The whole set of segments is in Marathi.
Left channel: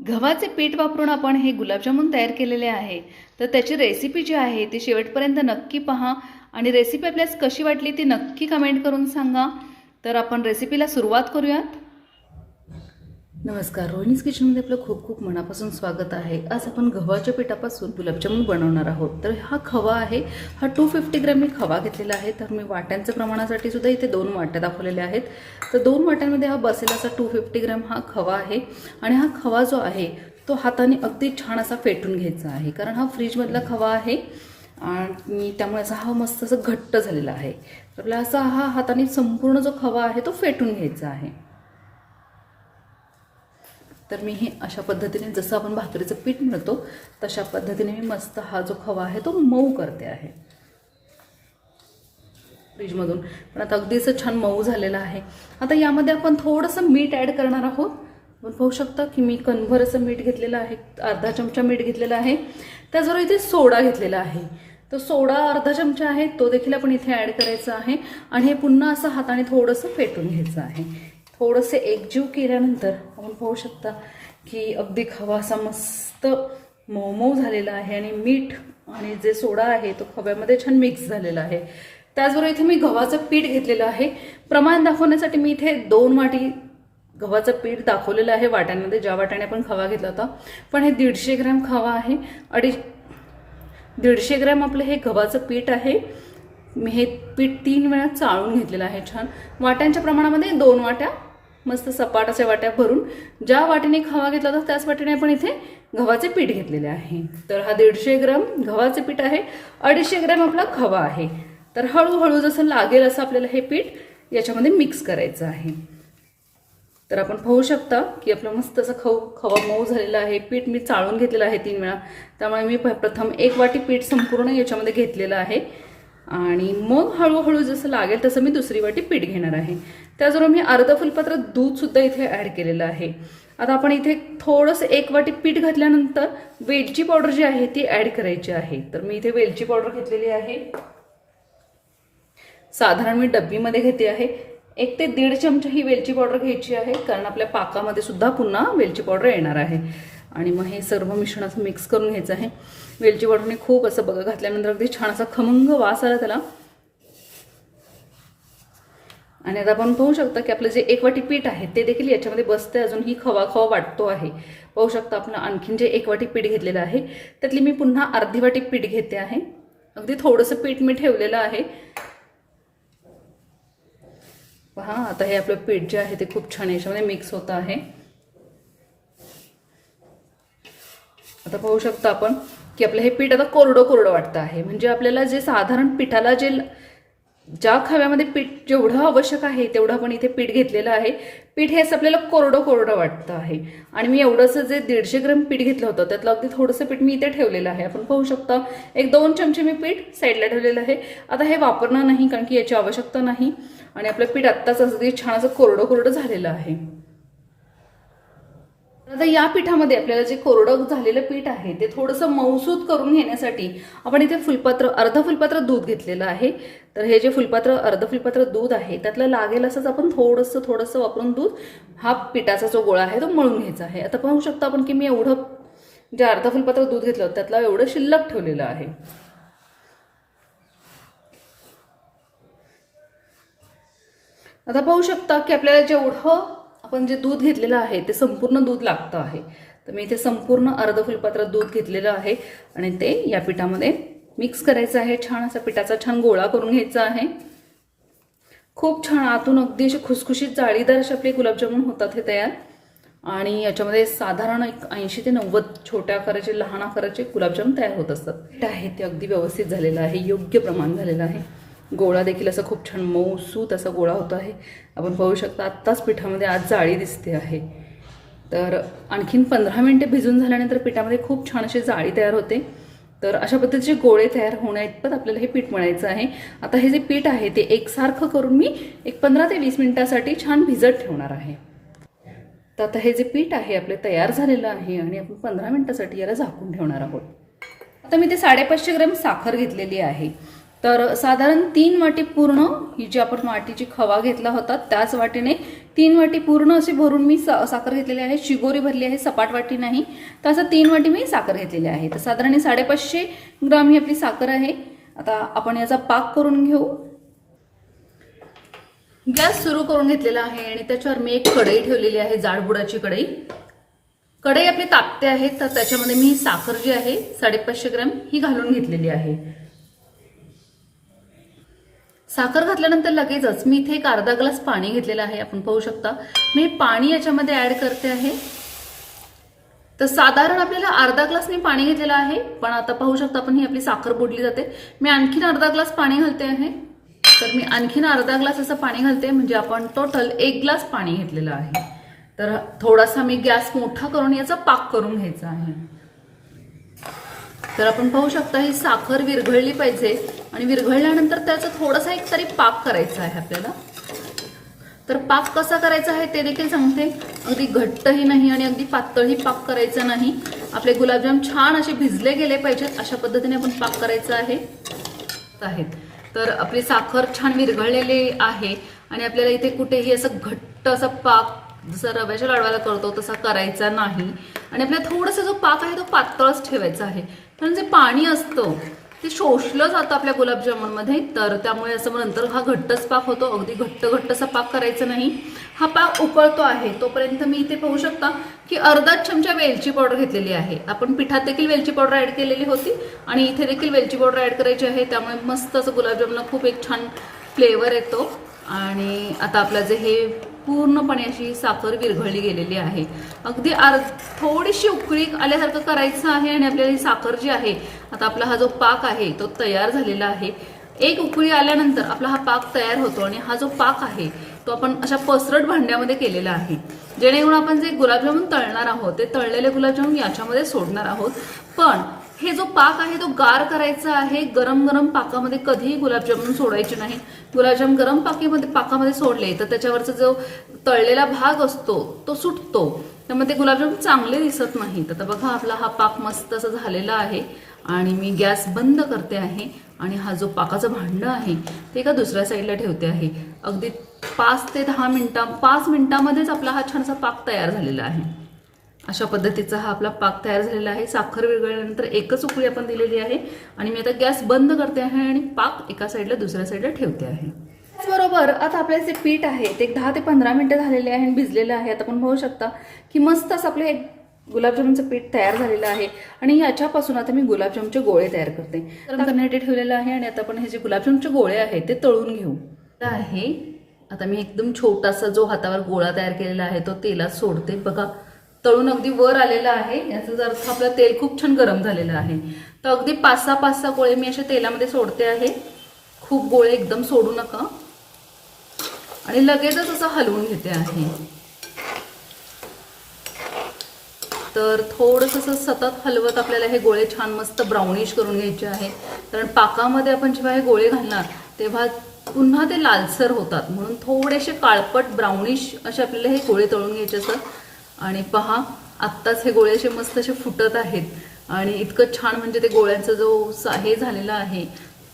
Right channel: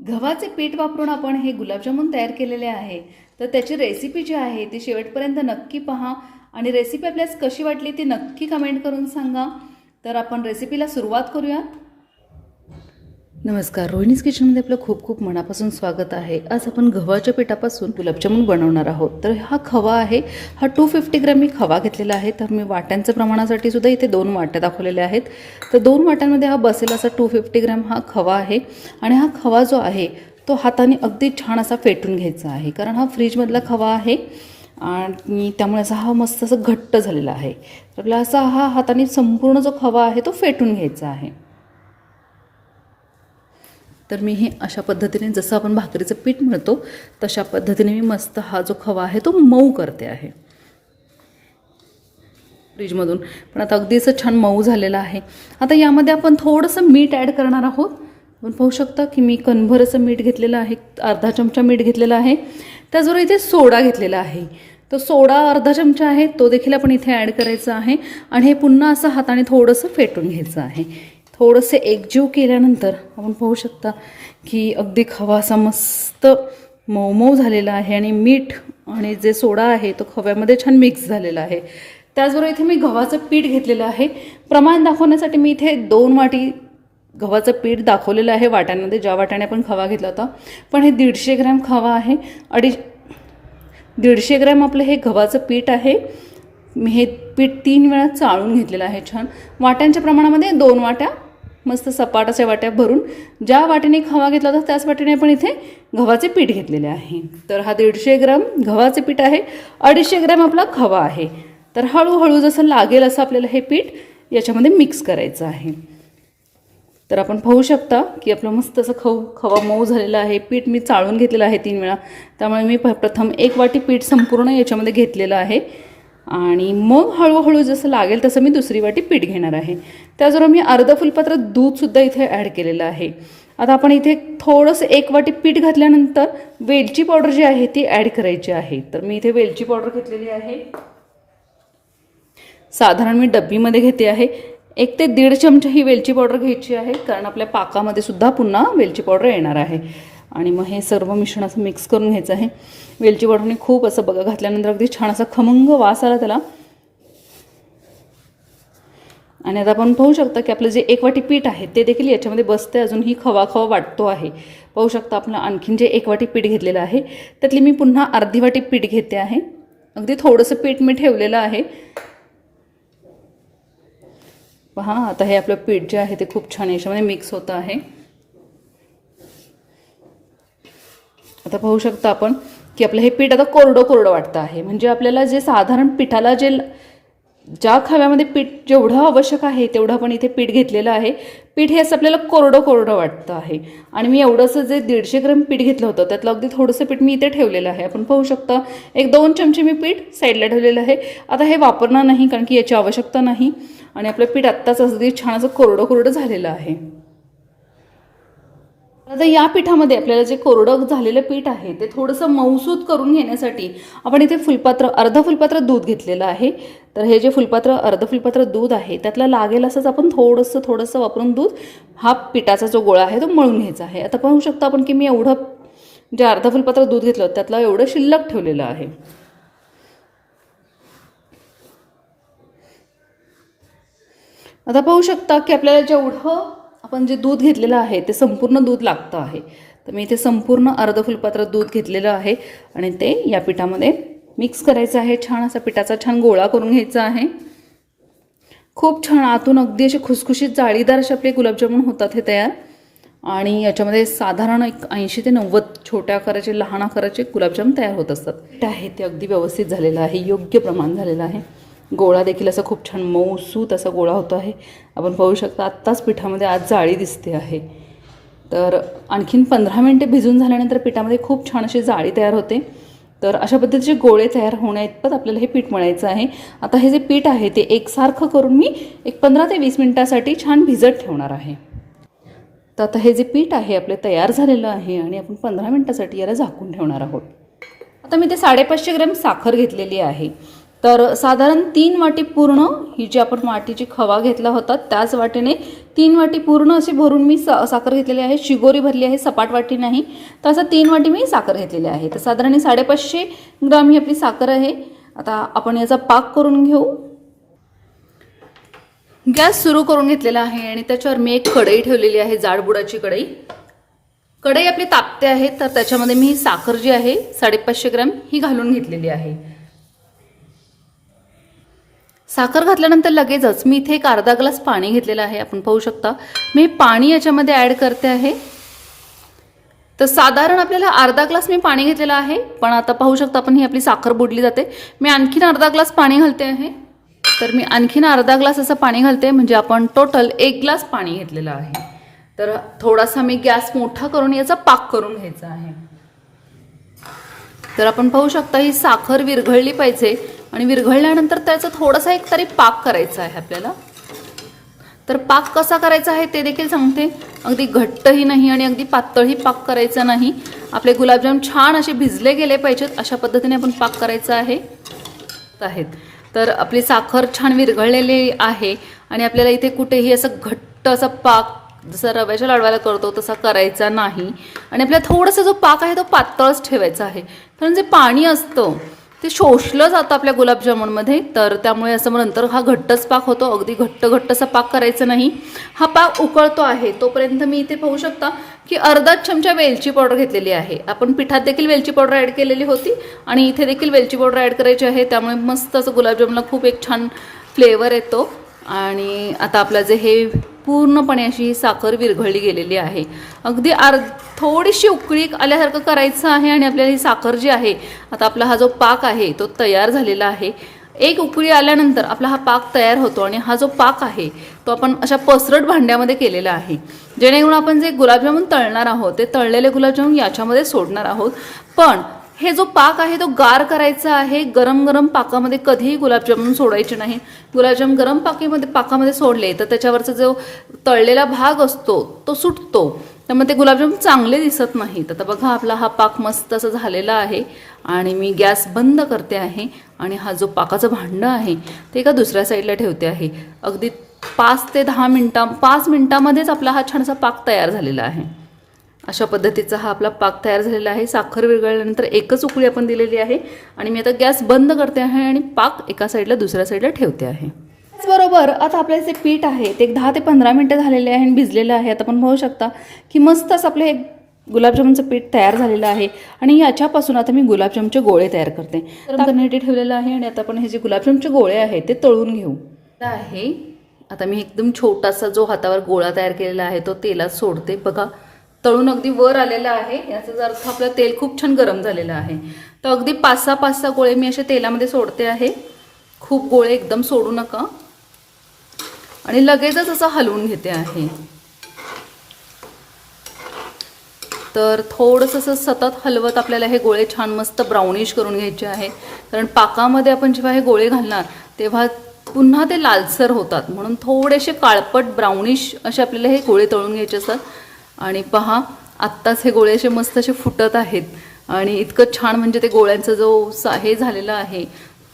गव्हाचे पीठ वापरून आपण हे गुलाबजामुन तयार केलेले आहे. तर त्याची रेसिपी जी आहे ती शेवटपर्यंत नक्की पहा. आणि रेसिपी आपल्यास कशी वाटली ती नक्की कमेंट करून सांगा. तर आपण रेसिपीला सुरुवात करूयात. नमस्कार रोहिणीज किचनमध्ये आपलं खूप खूप मनापासून स्वागत आहे. आज आपण गव्हाच्या पिठापासून गुलाबजामुन बनवणार आहोत. तर हा खवा आहे हा टू फिफ्टी ग्रॅम मी खवा घेतलेला आहे. तर मी वाट्यांच्या प्रमाणासाठी सुद्धा इथे दोन वाट्या दाखवलेल्या आहेत. तर दोन वाट्यांमध्ये हा बसेल असा टू फिफ्टी ग्रॅम हा खवा आहे. आणि हा खवा जो आहे तो हाताने अगदी छान असा फेटून घ्यायचा आहे. कारण हा फ्रीजमधला खवा आहे आणि त्यामुळे असा हा मस्त असं घट्ट झालेला आहे. तर आपला असा हा हाताने संपूर्ण जो खवा आहे तो फेटून घ्यायचा आहे. तर मी हे अशा पद्धतीने जसं आपण भाकरीचं पीठ मिळतो तशा पद्धतीने मी मस्त हा जो खवा आहे तो मऊ करते आहे. फ्रीजमधून. पण आता अगदी असं छान मऊ झालेलं आहे. आता यामध्ये आपण थोडंसं मीठ ॲड करणार आहोत. आपण पाहू शकता की मी कणभर असं मीठ घेतलेलं आहे अर्धा चमचा मीठ घेतलेला आहे. त्याचबरोबर इथे सोडा घेतलेला आहे. तो सोडा अर्धा चमचा आहे तो देखील आपण इथे ॲड करायचा आहे. आणि हे पुन्हा असं हाताने थोडंसं फेटून घ्यायचं आहे. थोडंसं एकजीव केल्यानंतर आपण पाहू शकता की अगदी खवा असा मस्त मऊ मऊ झालेला आहे आणि मीठ आणि जे सोडा आहे तो खव्यामध्ये छान मिक्स झालेला आहे. त्याचबरोबर इथे मी गव्हाचं पीठ घेतलेलं आहे. प्रमाण दाखवण्यासाठी मी इथे दोन वाटी गव्हाचं पीठ दाखवलेलं आहे वाट्यांमध्ये. ज्या वाट्याने आपण खवा घेतला होता. पण हे दीडशे ग्रॅम खवा आहे. अडीच दीडशे ग्रॅम आपलं हे गव्हाचं पीठ आहे. मी हे पीठ तीन वेळा चाळून घेतलेलं आहे छान. वाट्यांच्या प्रमाणामध्ये दोन वाट्या मस्त सपाट अशा वाट्या भरून ज्या वाटीने खवा घेतला होता त्याच वाटीने आपण इथे गव्हाचे पीठ घेतलेले आहे. तर हा दीडशे ग्राम गव्हाचे पीठ आहे अडीचशे ग्रॅम आपला खवा आहे. तर हळूहळू जसं लागेल असं आपल्याला हे पीठ याच्यामध्ये मिक्स करायचं आहे. तर आपण पाहू शकता की आपलं मस्त असं खव खवा मऊ झालेला आहे. पीठ मी चाळून घेतलेलं आहे तीन वेळा. त्यामुळे मी प्रथम एक वाटी पीठ संपूर्ण याच्यामध्ये घेतलेलं आहे. आणि मग हळूहळू जसं लागेल तसं मी दुसरी वाटी पीठ घेणार आहे. त्याचबरोबर मी अर्धं फुलपात्र दूधसुद्धा इथे ॲड केलेलं आहे. आता आपण इथे थोडंसं एक वाटी पीठ घातल्यानंतर वेलची पावडर जी आहे ती ॲड करायची आहे. तर मी इथे वेलची पावडर घेतलेली आहे. साधारण मी डब्बीमध्ये घेते आहे. एक ते दीड चमचा ही वेलची पावडर घ्यायची आहे. कारण आपल्या पाकामध्ये सुद्धा पुन्हा वेलची पावडर येणार आहे. आणि मग हे सर्व मिश्रण असं मिक्स करून घ्यायचं आहे. वेलची पावडरने खूप असं बघा घातल्यानंतर अगदी छान असा खमंग वास आला त्याला. आणि आता आपण पाहू शकता की आपलं जे एक वाटी पीठ आहे ते देखील याच्यामध्ये बसते अजूनही खवा खवा वाटतो आहे. पाहू शकता आपलं आणखीन जे एक वाटी पीठ घेतलेलं आहे त्यातली मी पुन्हा अर्धी वाटी पीठ घेते आहे. अगदी थोडंसं पीठ मी ठेवलेलं आहे. पहा आता हे आपलं पीठ जे आहे ते खूप छान याच्यामध्ये मिक्स होतं आहे. आता पाहू शकता आपण की आपलं हे पीठ आता कोरडं कोरडं वाटतं आहे. म्हणजे आपल्याला जे साधारण पिठाला जे ज्या खव्यामध्ये पीठ जेवढं आवश्यक आहे तेवढं आपण इथे पीठ घेतलेलं आहे. पीठ हे असं आपल्याला कोरडं कोरडं वाटतं आहे. आणि मी एवढंसं जे दीडशे ग्रॅम पीठ घेतलं होतं त्यातलं अगदी थोडंसं पीठ मी इथे ठेवलेलं आहे. आपण पाहू शकता एक दोन चमचे मी पीठ साईडला ठेवलेलं आहे. आता हे वापरणार नाही कारण की याची आवश्यकता नाही. आणि आपलं पीठ आत्ताच अगदी छान असं कोरडं कोरडं झालेलं आहे. आता या पिठामध्ये आपल्याला जे कोरडं झालेलं पीठ आहे ते थोडंसं मऊसूत करून घेण्यासाठी आपण इथे फुलपात्र अर्ध फुलपात्र दूध घेतलेलं आहे. तर हे जे फुलपात्र अर्ध फुलपात्र दूध आहे त्यातला लागेल असंच आपण थोडंसं थोडंसं वापरून दूध हा पिठाचा जो गोळा आहे तो मळून घ्यायचा आहे. आता पाहू शकता आपण की मी एवढं जे अर्ध फुलपात्र दूध घेतलं त्यातलं एवढं शिल्लक ठेवलेलं आहे. आता पाहू शकता की आपल्याला जेवढं आपण जे दूध घेतलेलं आहे ते संपूर्ण दूध लागतं आहे. तर मी इथे संपूर्ण अर्ध फुलपात्र दूध घेतलेलं आहे आणि ते या पिठामध्ये मिक्स करायचं आहे. छान असा पिठाचा छान गोळा करून घ्यायचा आहे. खूप छान आतून अगदी अशी खुसखुशीत जाळीदार असे आपले गुलाबजामुन होतात हे तयार. आणि याच्यामध्ये साधारण एक ऐंशी ते नव्वद छोट्या आकाराचे लहान आकाराचे गुलाबजाम तयार होत असतात. पीठ आहे ते अगदी व्यवस्थित झालेलं आहे योग्य प्रमाण झालेलं आहे. गोळा देखील असा खूप छान मऊसूत असा गोळा होतो आहे. आपण पाहू शकता आत्ताच पिठामध्ये आज जाळी दिसते आहे. तर आणखीन पंधरा मिनटे भिजून झाल्यानंतर पिठामध्ये खूप छान अशी जाळी तयार होते. तर अशा पद्धतीचे गोळे तयार होण्याइतपत आपल्याला हे पीठ मळायचं आहे. आता हे जे पीठ आहे ते एकसारखं करून मी एक पंधरा ते वीस मिनटासाठी छान भिजत ठेवणार आहे. तर आता हे जे पीठ आहे आपले तयार झालेलं आहे आणि आपण पंधरा मिनटासाठी याला झाकून ठेवणार आहोत. आता मी ते साडेपाचशे ग्रॅम साखर घेतलेली आहे. तर साधारण तीन वाटी पूर्ण ही जी आपण वाटीची खवा घेतला होता त्याच वाटीने तीन वाटी पूर्ण अशी भरून मी सा साखर घेतलेली आहे. शिगोरी भरली आहे सपाट वाटी नाही. तर असं तीन वाटी मी साखर घेतलेली आहे. तर साधारण साडेपाचशे ग्राम ही आपली साखर आहे. आता आपण याचा पाक करून घेऊ. गॅस सुरू करून घेतलेला आहे आणि त्याच्यावर मी एक कढई ठेवलेली आहे जाडबुडाची कढई. कढई आपली तापते आहे तर त्याच्यामध्ये मी साखर जी आहे साडेपाचशे ग्रॅम ही घालून घेतलेली आहे. साखर घातल्यानंतर लगेचच मी इथे एक अर्धा ग्लास पाणी घेतलेलं आहे. आपण पाहू शकता. मी पाणी याच्यामध्ये ॲड करते आहे. तर साधारण आपल्याला अर्धा ग्लास मी पाणी घेतलेलं आहे. पण आता पाहू शकता आपण ही आपली साखर बुडली जाते. मी आणखीन अर्धा ग्लास पाणी घालते आहे. तर मी आणखीन अर्धा ग्लास असं पाणी घालते. म्हणजे आपण टोटल एक ग्लास पाणी घेतलेलं आहे. तर थोडासा मी गॅस मोठा करून याचा पाक करून घ्यायचा आहे. तर आपण पाहू शकता ही साखर विरघळली पाहिजे. आणि विरघळल्यानंतर त्याचा थोडासा एक तरी पाक करायचा आहे आपल्याला. तर पाक कसा करायचा आहे ते देखील सांगते. अगदी घट्टही नाही आणि अगदी पातळही पाक करायचा नाही. आपले गुलाबजाम छान असे भिजले गेले पाहिजेत. अशा पद्धतीने आपण पाक करायचा आहे. आहेत. तर आपली साखर छान विरघळलेली आहे. आणि आपल्याला इथे कुठेही असं घट्ट असा पाक जसं रव्याच्या लाडवाला करतो तसा करायचा नाही. आणि आपला थोडासा जो पाक आहे तो पातळच ठेवायचा आहे. कारण जे पाणी असतं ते शोषलं जातं आपल्या गुलाबजामुनमध्ये तर त्यामुळे असं मग नंतर हा घट्टच पाक होतो. अगदी घट्ट घट्ट असा पाक करायचा नाही. हा पाक उकळतो आहे. तोपर्यंत मी इथे पाहू शकता की अर्धा चमचा वेलची पावडर घेतलेली आहे. आपण पिठात देखील वेलची पावडर ॲड केलेली होती. आणि इथे देखील वेलची पावडर ॲड करायची आहे. त्यामुळे मस्त असं गुलाबजामला खूप एक छान फ्लेवर येतो. आणि आता आपलं जे हे पूर्णपणे अशी साखर विरघळली गेलेली आहे. अगदी आर थोडीशी उकळी आल्यासारखं करायचं आहे आणि आपल्याला ही साखर जी आहे आता आपला हा जो पाक आहे तो तयार झालेला आहे. एक उकळी आल्यानंतर आपला हा पाक तयार होतो आणि हा जो पाक आहे तो आपण अशा पसरट भांड्यामध्ये केलेला आहे. जेणेकरून आपण जे गुलाबजामुन तळणार आहोत ते तळलेले गुलाबजामुन याच्यामध्ये सोडणार आहोत. पण हे जो पाक आहे तो गार करायचा आहे गरम गरम पाकामध्ये कधीही गुलाबजामुन सोडायचे नाही. गुलाबजाम गरम पाकीमध्ये पाकामध्ये सोडले तर त्याच्यावरचा जो तळलेला भाग असतो तो सुटतो. त्यामुळे ते गुलाबजाम चांगले दिसत नाहीत. आता बघा आपला हा पाक मस्त असा झालेला आहे आणि मी गॅस बंद करते आहे आणि हा जो पाकाचं भांडं आहे ते एका दुसऱ्या साईडला ठेवते आहे. अगदी पाच ते दहा मिनटा पाच मिनटामध्येच आपला हा छानसा पाक तयार झालेला आहे. अशा पद्धतीचा हा आपला पाक तयार झालेला आहे. साखर विरघळल्यानंतर एकच उकळी आपण दिलेली आहे. आणि मी आता गॅस बंद करते आहे आणि पाक एका साईडला दुसऱ्या साईडला ठेवते आहे. त्याचबरोबर आता आपले जे पीठ आहे ते एक दहा ते पंधरा मिनटं झालेले आहे आणि भिजलेलं आहे. आता आपण पाहू शकता की मस्त असं आपलं एक गुलाबजामुनचं पीठ तयार झालेलं आहे. आणि याच्यापासून आता मी गुलाबजामचे गोळे तयार करते. गरम करण्यासाठी ठेवलेलं आहे आणि आता आपण हे जे गुलाबजामचे गोळे आहेत ते तळून घेऊ. आहे. आता मी एकदम छोटासा जो हातावर गोळा तयार केलेला आहे तो तेलात सोडते. बघा तळून अगदी वर आलेलं आहे. याचा अर्थ आपला तेल खूप छान गरम झालेलं आहे. तर अगदी पाच सहा पाच सहा गोळे मी अशा तेलामध्ये सोडते आहे. खूप गोळे एकदम सोडू नका. आणि लगेचच असं हलवून घेते आहे. तर थोडंसं असं सतत हलवत आपल्याला हे गोळे छान मस्त ब्राउनिश करून घ्यायचे आहे. कारण पाकामध्ये आपण जेव्हा हे गोळे घालणार तेव्हा पुन्हा ते लालसर होतात. म्हणून थोडेसे काळपट ब्राउनिश असे आपल्याला हे गोळे तळून घ्यायचे असतात. आणि पहा आत्ताच हे गोळे असे मस्त असे फुटत आहेत. आणि इतकं छान म्हणजे ते गोळ्यांचा जो सा- हे झालेलं आहे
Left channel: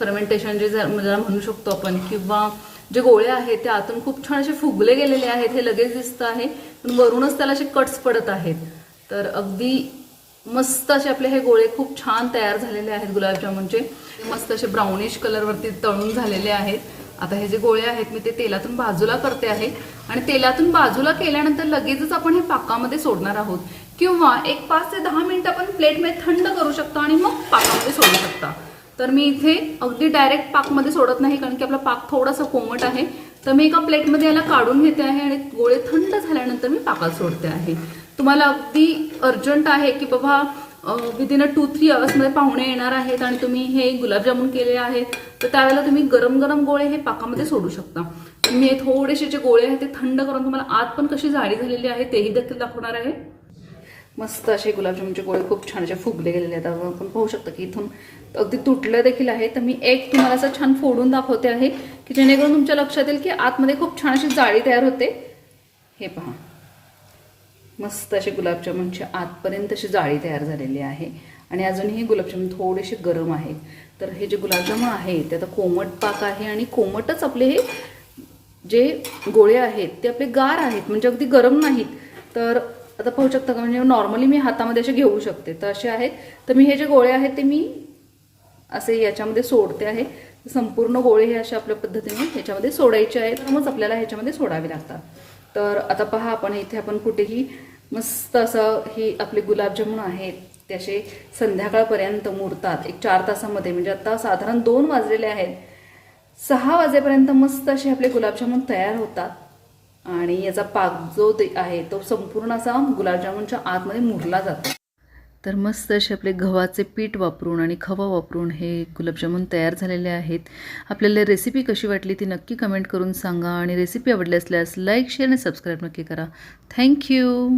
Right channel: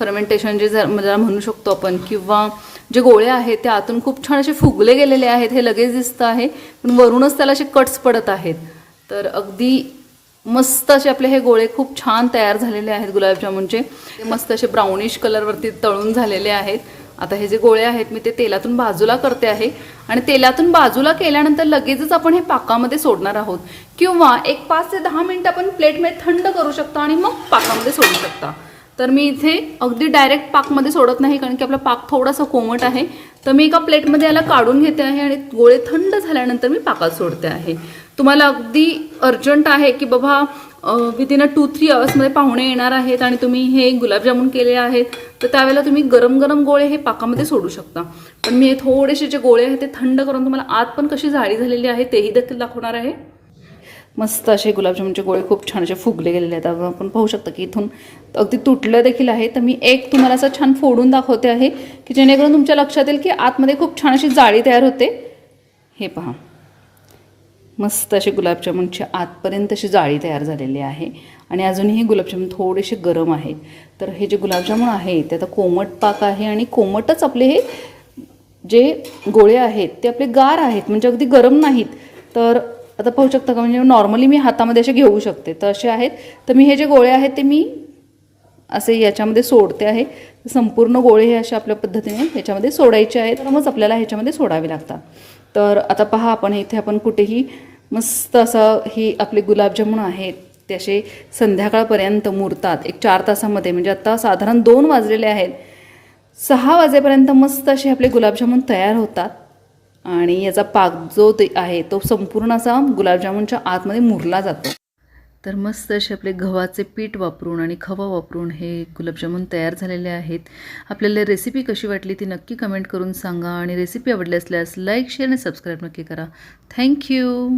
फर्मेंटेशन जे जर म्हणू शकतो आपण किंवा जे गोळे आहेत ते आतून खूप छान असे फुगले गेलेले आहेत हे लगेच दिसतं आहे पण वरूनच त्याला असे कट्स पडत आहेत. तर अगदी मस्त असे आपले हे गोळे खूप छान तयार झालेले आहेत गुलाबजामुनचे. मस्त असे ब्राउनिश कलरवरती तळून झालेले आहेत. आता हे जे गोळे आहेत मी ते तेलातून बाजूला करते आहे. आणि तेलातून बाजूला केल्यानंतर लगेचच आपण हे पाकामध्ये सोडणार आहोत. किंवा एक पाच ते दहा मिनिटं आपण प्लेटमध्ये थंड करू शकता आणि मग पाकामध्ये सोडू शकता. तर मी इथे अगदी डायरेक्ट पाकमध्ये सोडत नाही कारण की आपला पाक थोडासा कोमट आहे. तर मी एका प्लेटमध्ये याला काढून घेते आहे आणि गोळे थंड झाल्यानंतर मी पाकात सोडते आहे. तुम्हाला अगदी अर्जंट आहे की बाबा विदिन अ टू थ्री अवर्समध्ये पाहुणे येणार आहेत आणि तुम्ही हे गुलाबजामुन केले आहेत तर त्यावेळेला तुम्ही गरम गरम गोळे हे पाकामध्ये सोडू शकता. पण मी हे थोडेसे जे गोळे आहेत ते थंड करून तुम्हाला आत पण कशी जाळी झालेली आहे तेही देखील दाखवणार आहे. मस्त असे गुलाबजामुनचे गोळे खूप छान असे फुगले गेलेले आहेत. आपण पाहू शकता की इथून अगदी तुटलं देखील आहे. तर मी एक तुम्हाला असं छान फोडून दाखवते आहे की जेणेकरून तुमच्या लक्षात येईल की आतमध्ये खूप छान अशी जाळी तयार होते. हे पहा. मस्त असे गुलाबजामुनची आतपर्यंत अशी जाळी तयार झालेली आहे. आणि अजूनही गुलाबजामुन थोडेसे गरम आहेत. तर हे जे गुलाबजामुन आहे ते आता कोमट पाक आहे आणि कोमटच आपले हे जे गोळे आहेत ते आपले गार आहेत म्हणजे अगदी गरम नाहीत. तर आता पाहू शकता का म्हणजे नॉर्मली मी हातामध्ये असे घेऊ शकते. तर असे आहेत. तर मी हे जे गोळे आहेत ते मी असे याच्यामध्ये सोडते आहे. संपूर्ण गोळे हे अशा आपल्या पद्धतीने ह्याच्यामध्ये सोडायचे आहेत. तर मग आपल्याला ह्याच्यामध्ये सोडावे लागतात. तर आता पहा आपण इथे आपण कुठेही मस्त असं ही आपले गुलाबजामुन आहेत ते असे संध्याकाळपर्यंत मुरतात एक चार तासामध्ये. म्हणजे आत्ता साधारण दोन वाजलेले आहेत. सहा वाजेपर्यंत मस्त असे आपले गुलाबजामुन तयार होतात. आणि याचा पाक जो ते आहे तो संपूर्ण असा गुलाबजामुनच्या आतमध्ये मुरला जातो. तर मस्त असे आपले गव्हाचे पीठ वापरून आणि खवा वापरून हे गुलाबजामुन तयार झालेले आहेत. आपल्याला रेसिपी कशी वाटली ती नक्की कमेंट करून सांगा. आणि रेसिपी आवडली असल्यास लाईक शेअर आणि सबस्क्राईब नक्की करा. थँक्यू